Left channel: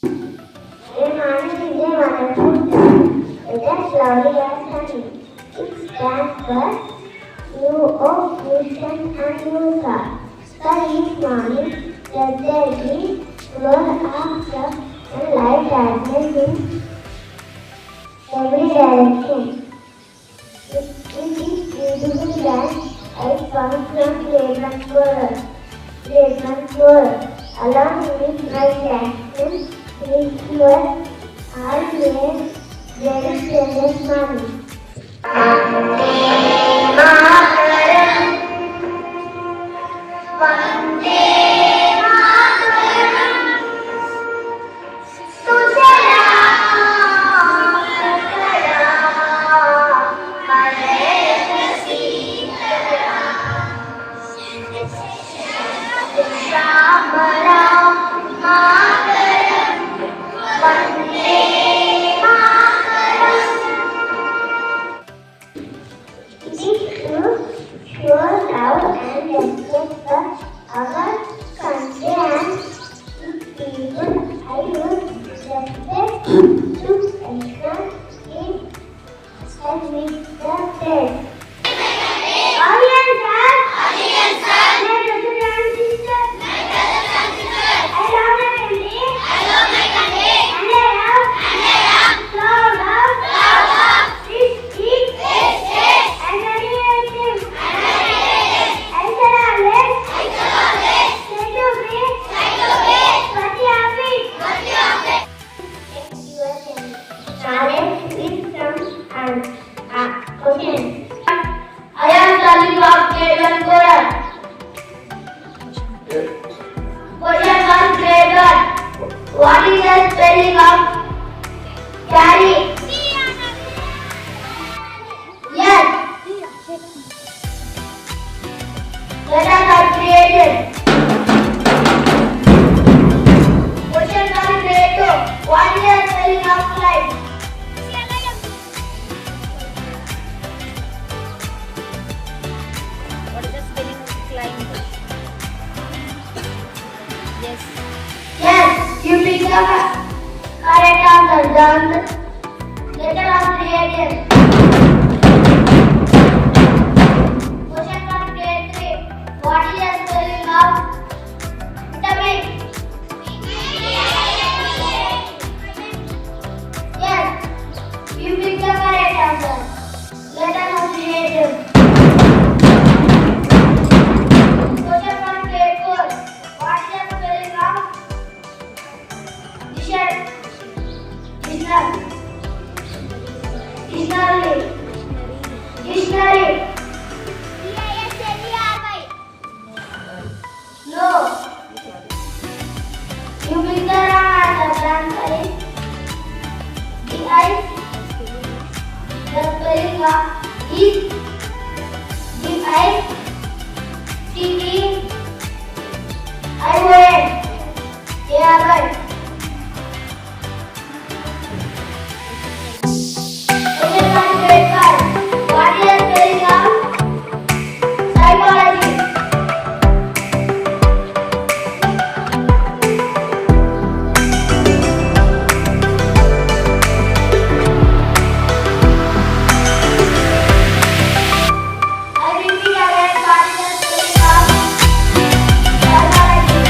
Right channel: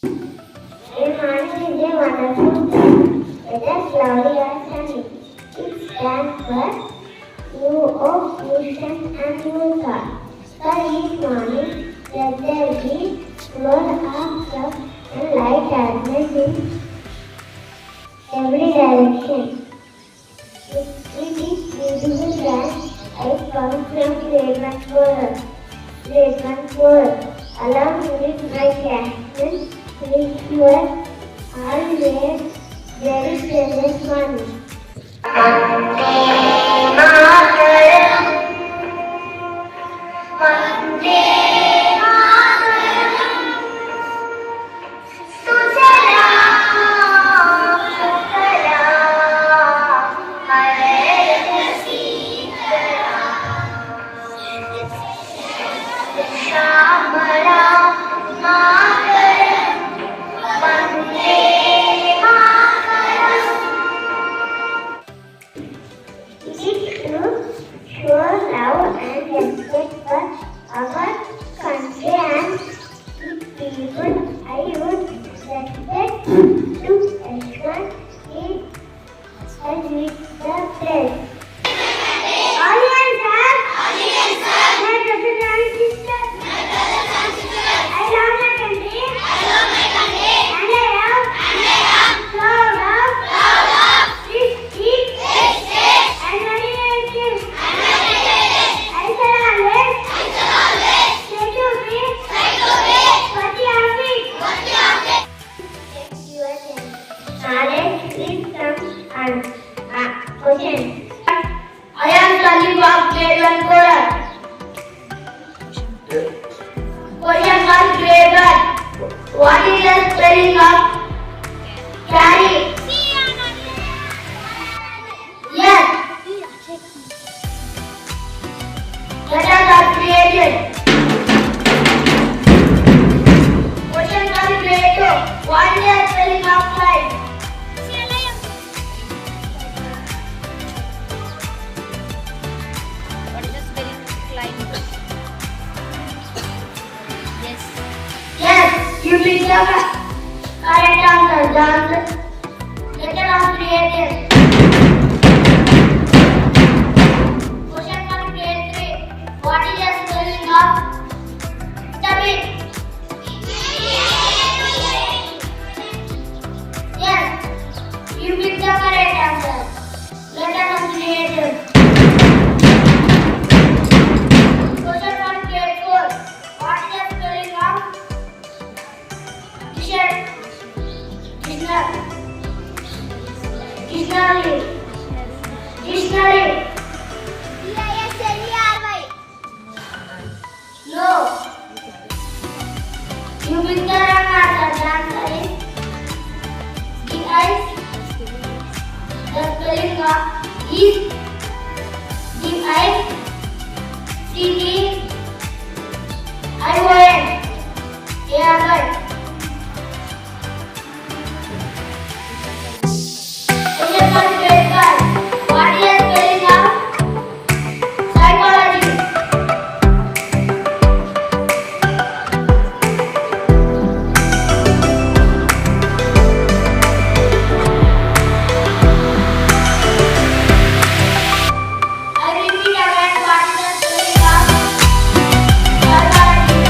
A morning is a wonderful time, whether cloudy or sunny. It stands for new hope, new strength, and new thought. For each morning, let there be flow of love and light darkness in every direction. It is beautiful that I found from fragrant world. Along with my cactus, which were always very precious money. Show love and respect for our country and its people. I would respect to ensure it and with the faith. Audience, sir. My brothers and sisters. I love my country. And I have love, peace, and dedication. I shall always try to be what you have been. Knowledge is some question. I am studying of grade 1 Quran. Question from grade 1. What is the spelling of carry? Yes. Letters are created. Question from grade 2. What is the spelling of kite? What is the spelling of climb? Yes. Yes, you picked the correct answer. The letter was created. Question from grade 3. What is the spelling of vitamin? Yes, you picked the correct answer. Letter was created. Question from grade 4. What is the spelling of Dictionary. No. You pick the wrong answer. The answer is the spelling of is DICTION. Airborne. What is the spelling of psychology? I repeat again, what is the spelling of psychology?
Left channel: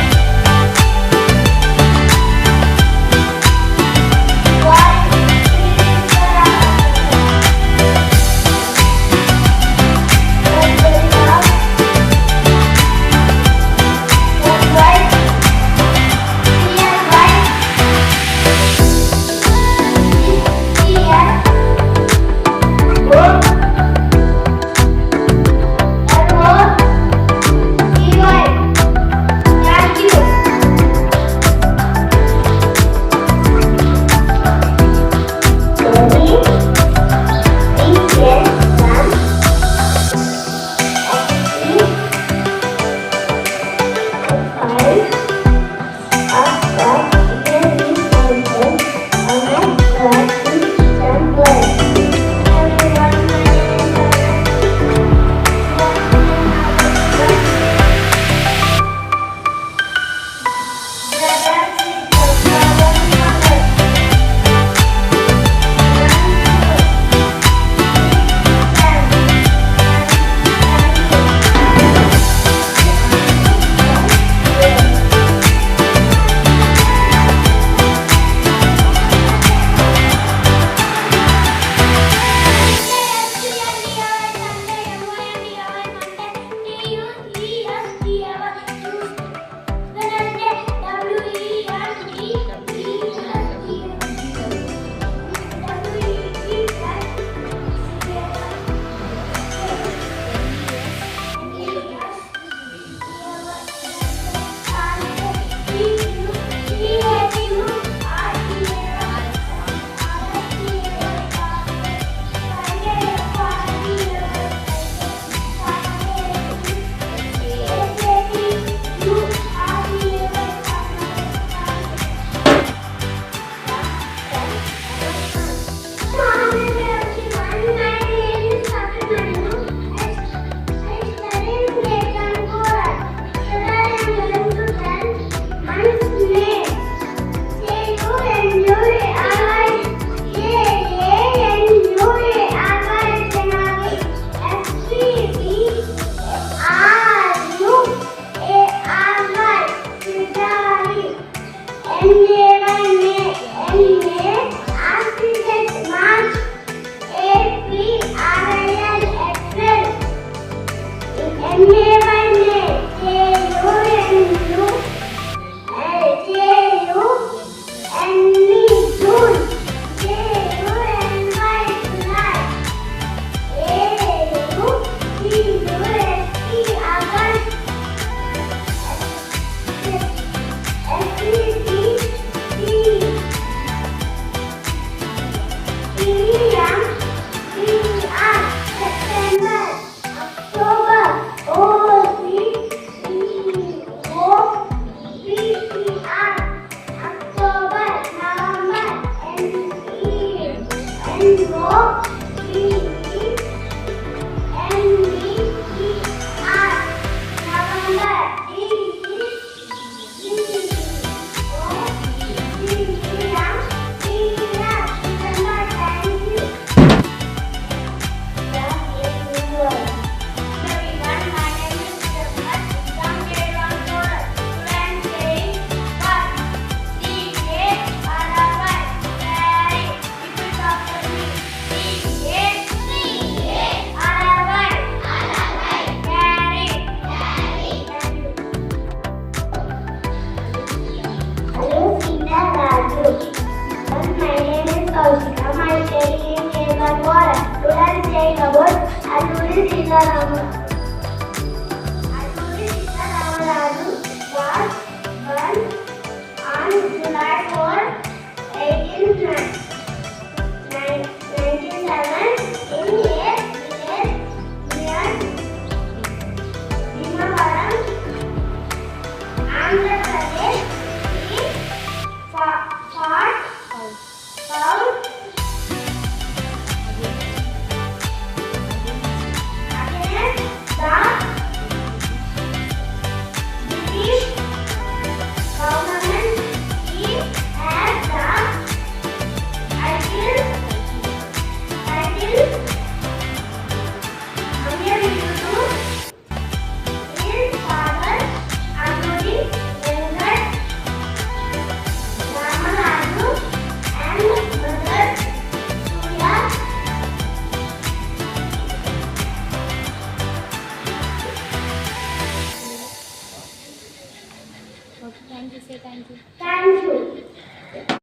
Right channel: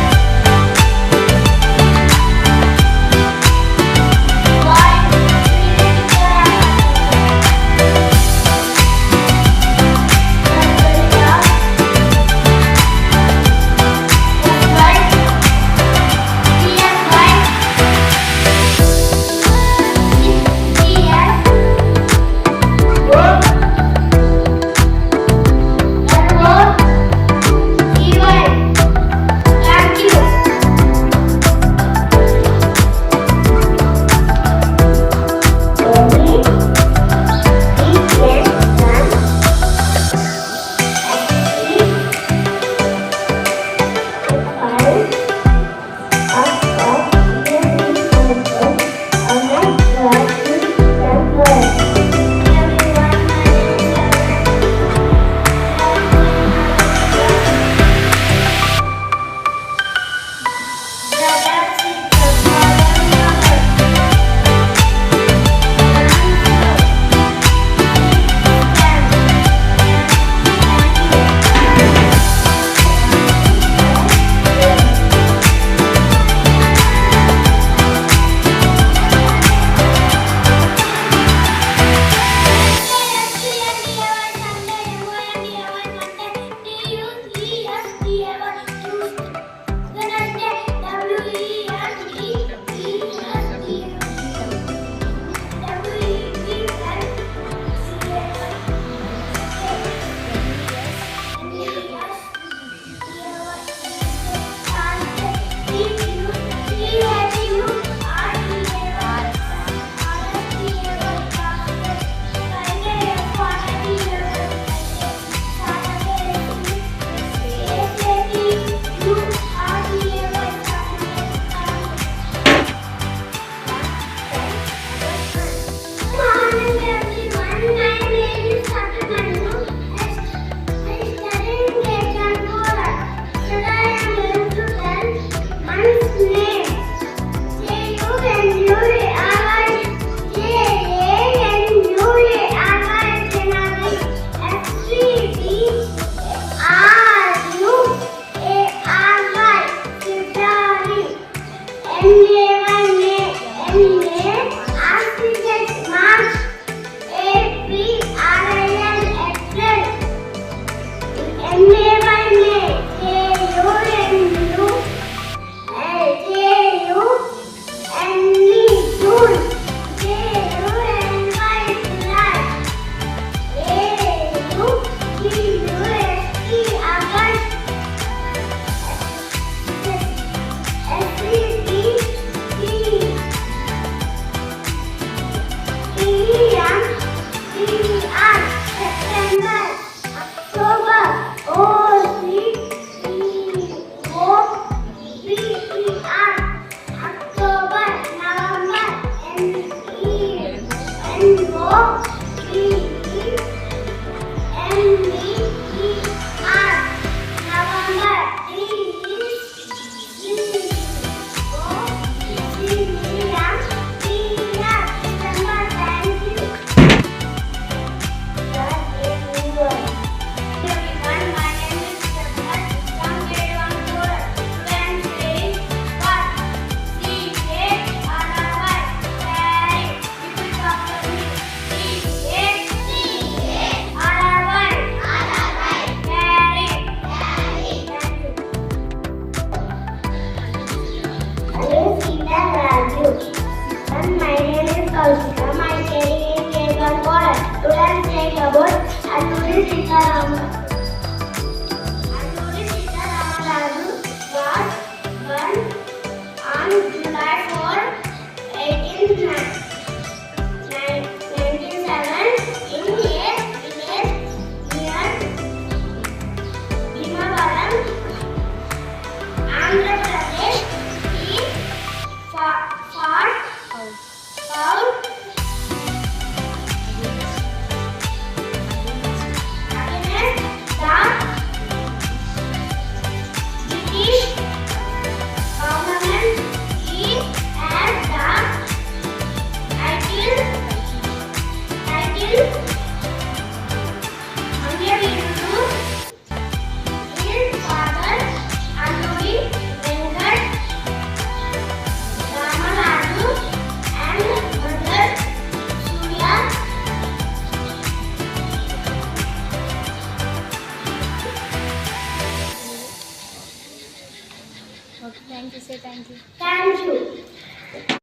Okay, thank you, say thank you. Thank you.